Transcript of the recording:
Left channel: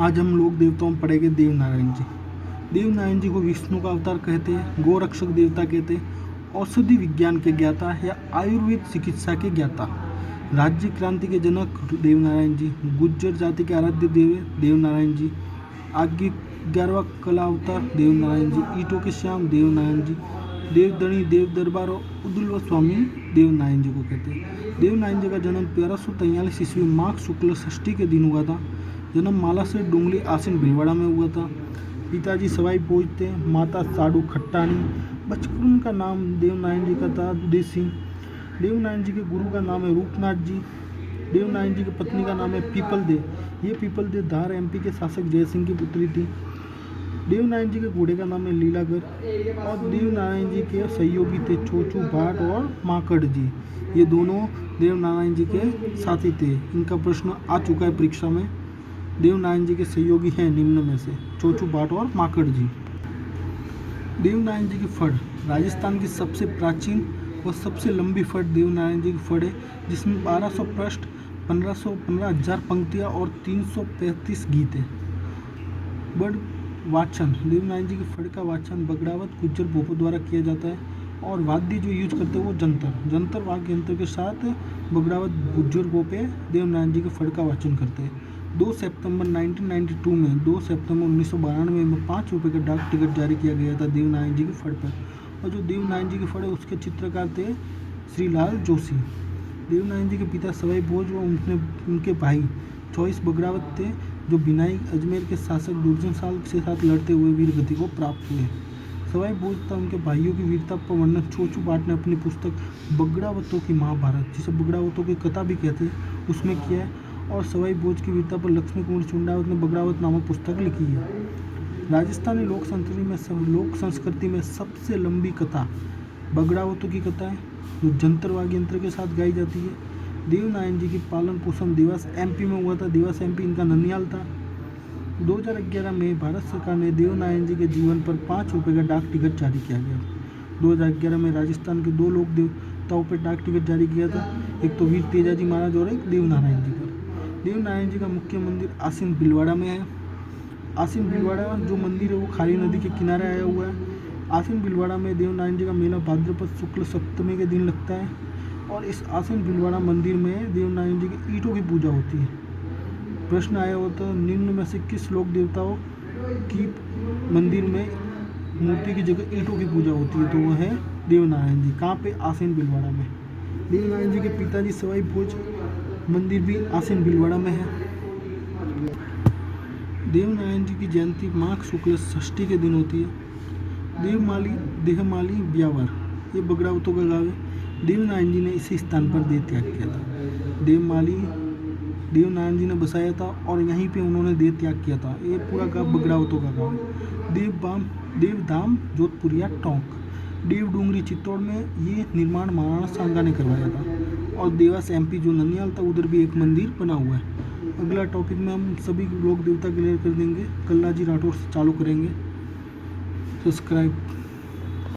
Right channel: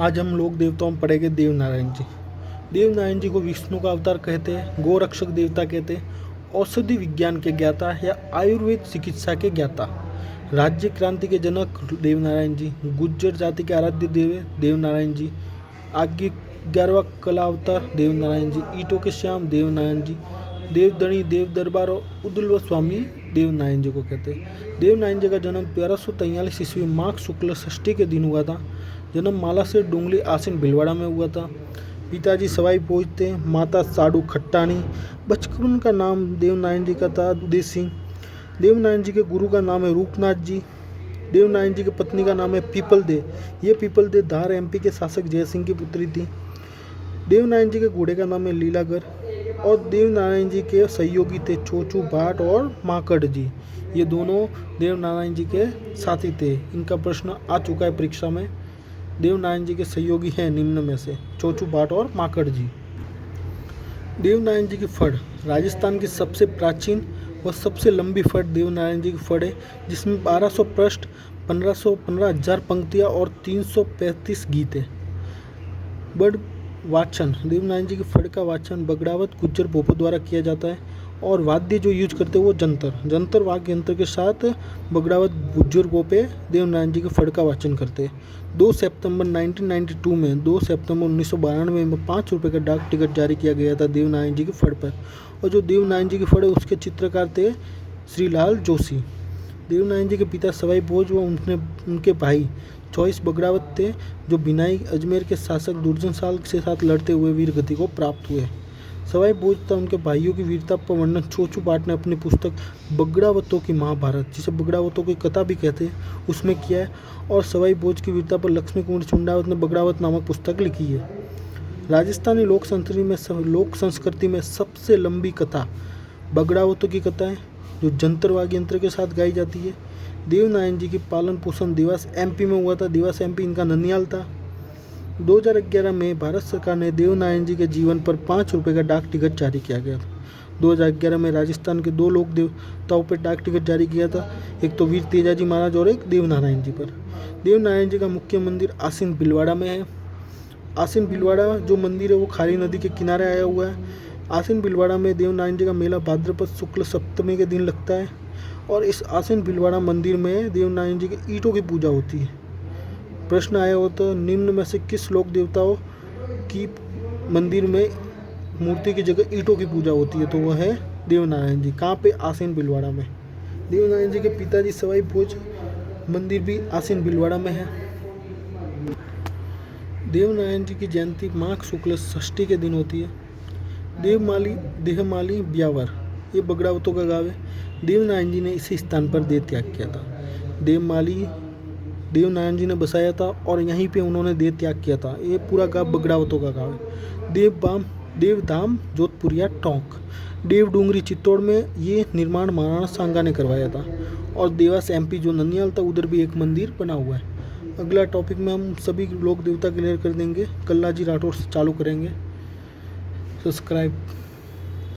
आज हम लोग देवताओं में पढ़ेंगे देव नारायण जी। देव नारायण जी को विष्णु का अवतार कहते हैं, गोरक्षक देवता कहते हैं, औषधि विज्ञान के ज्ञाता या आयुर्वेद चिकित्सा के ज्ञाता, राज्य क्रांति के जनक देव नारायण जी, गुज्जर जाति के आराध्य देव देव नारायण जी, आगे 11वां कला अवतार देव नारायण जी, ईटों के श्याम देव नारायण जी, देवधनी देव दरबार और उदुल्व स्वामी देव नारायण जी को कहते हैं। देव नारायण जी का जन्म 1243 ईस्वी माघ शुक्ल षष्ठी के दिन हुआ था। जन्म माला से डोंगली आसीन भिलवाड़ा में हुआ था। पिताजी सवाई भोज थे, माता साडू खट्टानी। बचपन का नाम देव नारायण जी का था उदय सिंह। देव नारायण जी के गुरु का नाम है रूपनाथ जी। देव नारायण जी की पत्नी का नाम है पीपल दे। ये पीपल दे धार एमपी के शासक जयसिंह की पुत्री थी। देव नारायण जी के घोड़े का नाम है लीलागर और देव नारायण जी के सहयोगी थे चोचू भाट और माकड़ जी। ये दोनों देव नारायण जी के साथी थे। इनका प्रश्न आ चुका है परीक्षा में। देव नारायण जी के सहयोगी हैं निम्न में से चोचू भाट और माकड़ जी। देव नारायण जी की फड़ राजस्थान की सबसे प्राचीन और सबसे लंबी फड़ देव नारायण जी की फड़ है, जिसमें 1200 पृष्ठ, 15,000 पंक्तियाँ और 335 गीत है। बड़ वाचन देव नारायण जी की फड़ का वाचन बगड़ावत गुज्जर भोपो द्वारा किया जाता है और वाद्य जो यूज करते हैं वो जंतर वाद्य यंत्र के साथ बगड़ावत गुज्जर भोपे देव नारायण जी की फड़ का वाचन करते हैं। 2 सितंबर 1992 में 2 सितंबर 1992 में 5 रुपये का डाक टिकट जारी किया गया था देव नारायण जी की फड़ पर। और जो देव नारायण जी की फड़ है उसके चित्रकार थे श्रीलाल जोशी। देव नारायण जी के पिता सवाई भोज व उनके भाई चौईस बगड़ावत थे, जो बिनाई अजमेर के शासक दुर्जन साल के साथ लड़ते हुए वीर गति को प्राप्त हुए। सवाई भोज तथा उनके भाइयों की वीरता पर वर्णन चोचू भाट ने अपनी पुस्तक बगड़ावतों की महाभारत, जिसे बगड़ावतों की कथा भी कहते हैं, उसमें किया है। और सवाई भोज की वीरता पर लक्ष्मी कुमार चुंडावत ने बगड़ावत नामक पुस्तक लिखी है। राजस्थानी लोक संस्कृति में सबसे लंबी कथा बगड़ावतों की कथा है, जो जंतर वाद्य यंत्र के साथ गाई जाती है। देव नारायण जी की पालन पोषण देवास एमपी में हुआ था। देवास एमपी इनका ननियाल था। 2011 में भारत सरकार ने देव नारायण जी के जीवन पर 5 रुपये का डाक टिकट जारी किया गया था। 2011 में राजस्थान के 2 लोक देवताओं पर डाक टिकट जारी किया था, एक तो वीर तेजाजी महाराज और एक देव नारायण जी पर। देव नारायण जी का मुख्य मंदिर आसीन भिलवाड़ा में है। आसीन भिलवाड़ा जो मंदिर है वो खारी नदी के किनारे आया हुआ है। आसीन भिलवाड़ा में देव नारायण जी का मेला भाद्रपद शुक्ल सप्तमी के दिन लगता है और इस आसीन भिलवाड़ा मंदिर में देव नारायण जी के ईंटों की पूजा होती है। प्रश्न आया हो तो निम्न में से किस लोक देवताओं की मंदिर में मूर्ति की जगह ईंटों की पूजा होती है, तो वह है देव नारायण जी। कहाँ पे? आसीन भिलवाड़ा में। देव नारायण जी के पिताजी सवाई भोज मंदिर भी आसीन भिलवाड़ा में है। देव नारायण जी की जयंती माघ शुक्ल षष्ठी के दिन होती है। देहमाली ब्यावर ये बगड़ावतों का गाँव है। देव नारायण जी ने इसी स्थान पर देह त्याग किया था। देवमाली देव नारायण जी ने बसाया था और यहीं पे उन्होंने देह त्याग किया था। ये पूरा गाँव बगड़ावतों का गाँव है। देवधाम जोधपुरिया टोंक देव डूंगरी चित्तौड़ में ये निर्माण महाराणा सांगा ने करवाया था। और देवास एमपी जो ननियाल था उधर भी एक मंदिर बना हुआ है। अगला टॉपिक में हम सभी लोक देवता क्लियर कर देंगे। कल्लाजी राठौर से चालू करेंगे। सब्सक्राइब।